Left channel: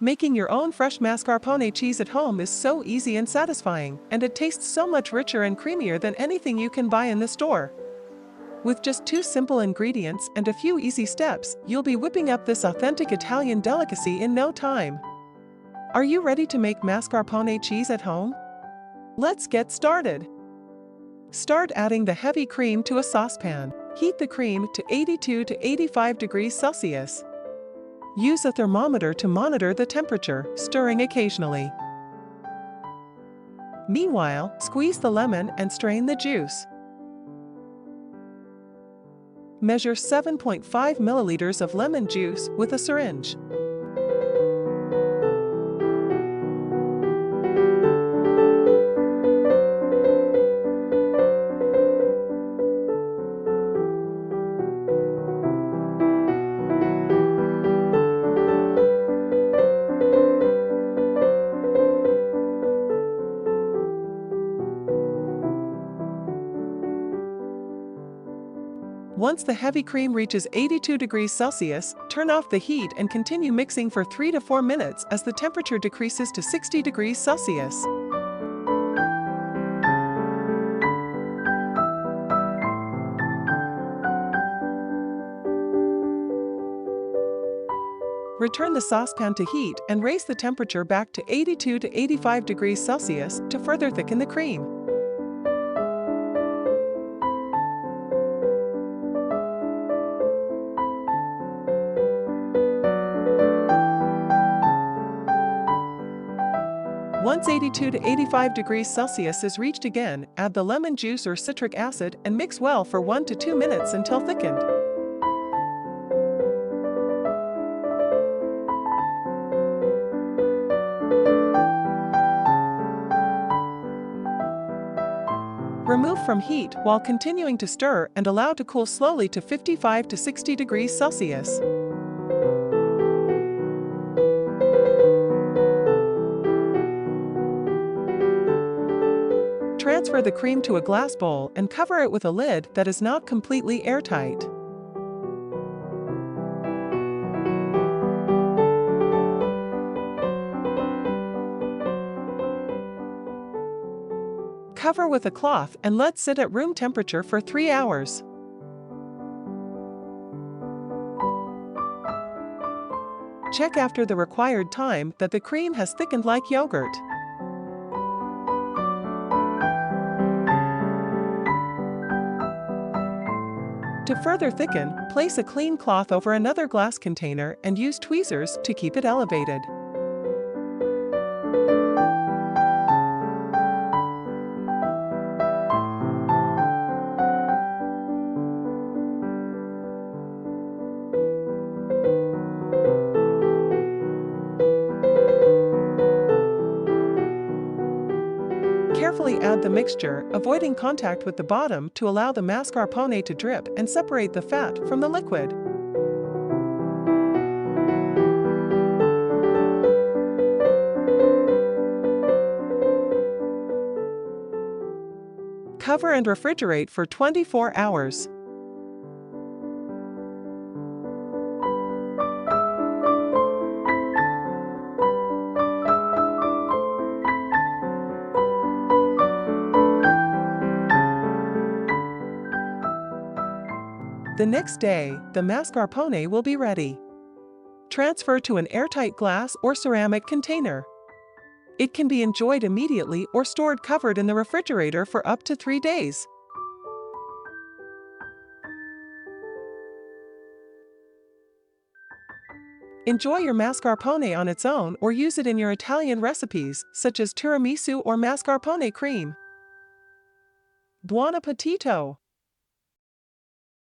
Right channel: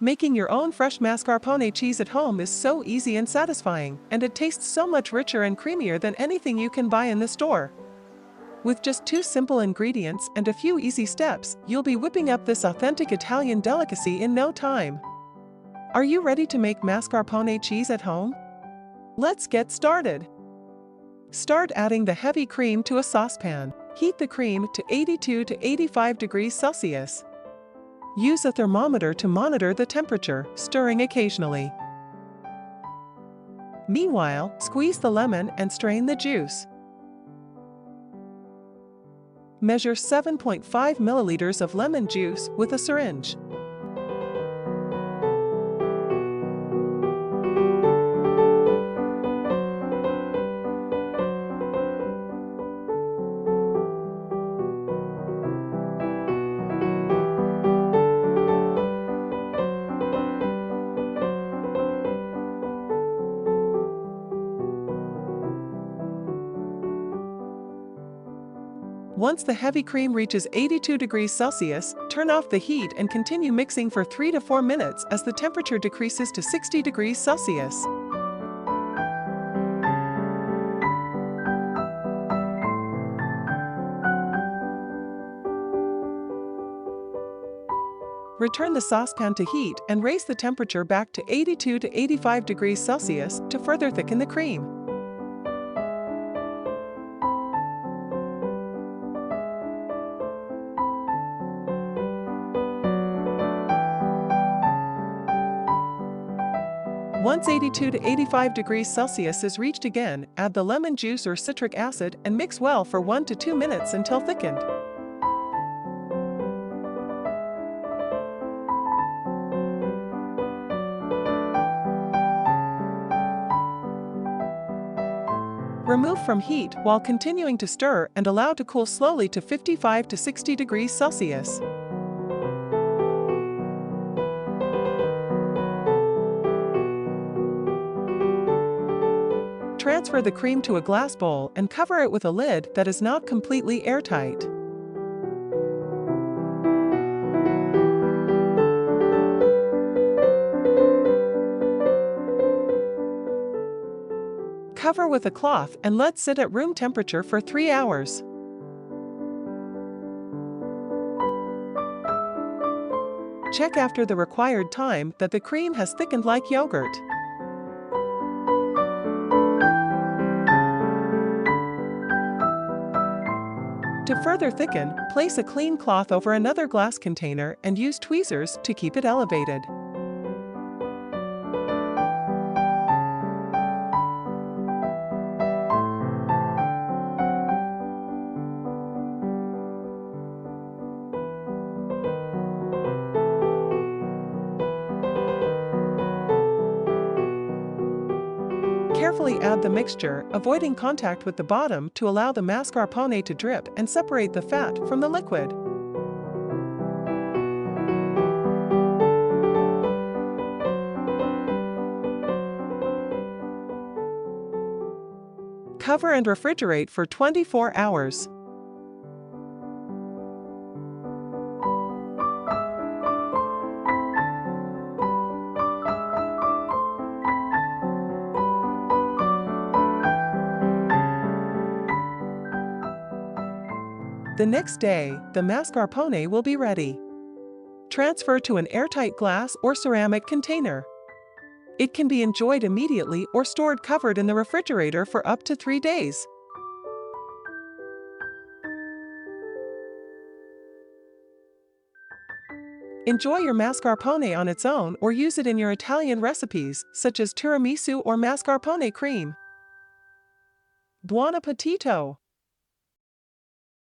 Making your own fresh mascarpone cheese at home is so easy and satisfying, and it tastes so much richer and creamier than anything you can buy in the store. With just 2 simple ingredients and a few easy steps, you'll be whipping up this authentic Italian delicacy in no time. Are you ready to make mascarpone cheese at home? Let's get started. Start adding the heavy cream to a saucepan. Heat the cream to 82 to 85 degrees Celsius. Use a thermometer to monitor the temperature, stirring occasionally. Meanwhile, squeeze the lemon and strain the juice. Measure 7.5 milliliters of lemon juice with a syringe. Once the heavy cream reaches 82 degrees Celsius, turn off the heat and continue mixing for 3 to 4 minutes as the temperature decreases to 60 degrees Celsius. Return the saucepan to heat and raise the temperature back to 82 to 85 degrees Celsius to further thicken the cream. Once 82 to 85 degrees Celsius is reached again, add the lemon juice or citric acid and mix well for 1 to 2 minutes until thickened. Remove from heat while continuing to stir and allow to cool slowly to 55 to 60 degrees Celsius. Transfer the cream to a glass bowl and cover it with a lid that is not completely airtight. Cover with a cloth and let sit at room temperature for 3 hours. Check after the required time that the cream has thickened like yogurt. To further thicken, place a clean cloth over another glass container and use tweezers to keep it elevated. Carefully add the mixture, avoiding contact with the bottom to allow the mascarpone to drip and separate the fat from the liquid. Cover and refrigerate for 24 hours. The next day, the mascarpone will be ready. Transfer to an airtight glass or ceramic container. It can be enjoyed immediately or stored covered in the refrigerator for up to 3 days. Enjoy your mascarpone on its own or use it in your Italian recipes, such as tiramisu or mascarpone cream. Buon appetito!